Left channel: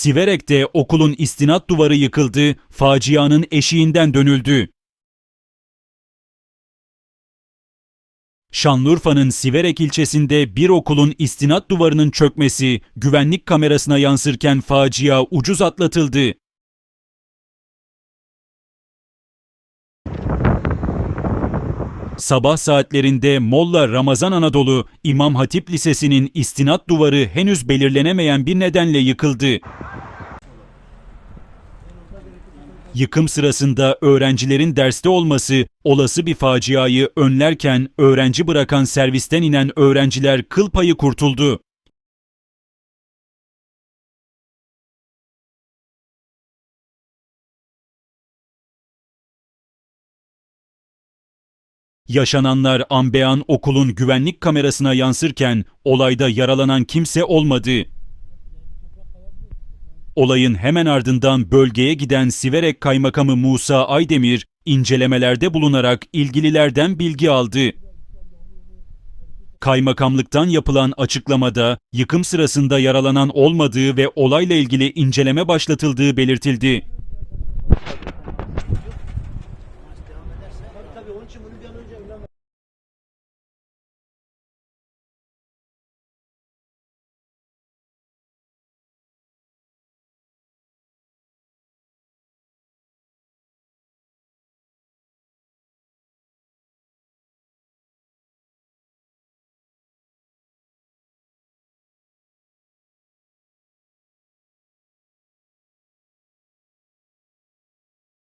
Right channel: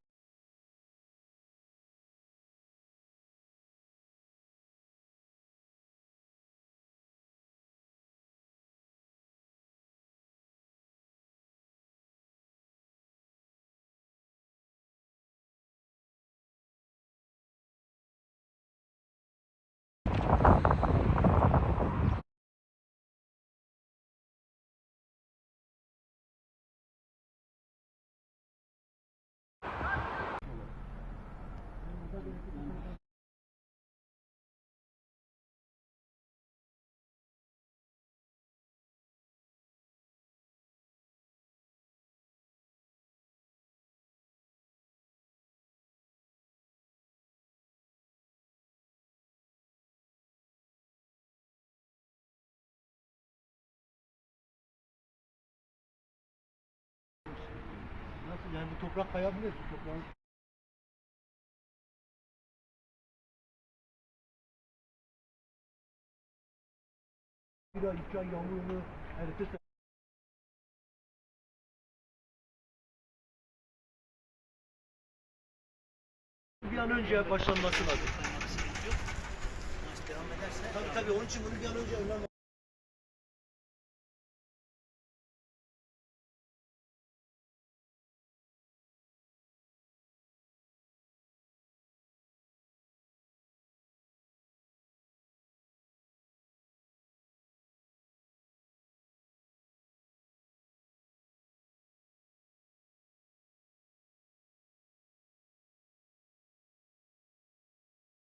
Siverek'te okulun istinat duvarı yıkıldı, facianın eşiğinden dönüldü. Şanlıurfa'nın Siverek ilçesinde bir okulun istinat duvarının çökmesi güvenlik kamerasına yansırken facia ucuz atlatıldı. Sabah saatlerinde Molla Ramazan Anadolu İmam Hatip Lisesi'nin istinat duvarı henüz belirlenemeyen bir nedenle yıkıldı. Yıkım sırasında öğrencilerin derste olması olası bir faciayı önlerken öğrenci bırakan servisten inen öğrenciler kıl payı kurtuldu. Yaşananlar anbean okulun güvenlik kamerasına yansırken olayda yaralanan kimse olmadı. Nasıl yani bu toprak kayabilir. Olayın hemen ardından bölgeye giden Siverek Kaymakamı Musa Aydemir incelemelerde bulunarak ilgililerden bilgi aldı. Kaymakamlıktan yapılan açıklamada yıkım sırasında yaralanan olmadığı ve olayla ilgili inceleme başlatıldığı belirtildi.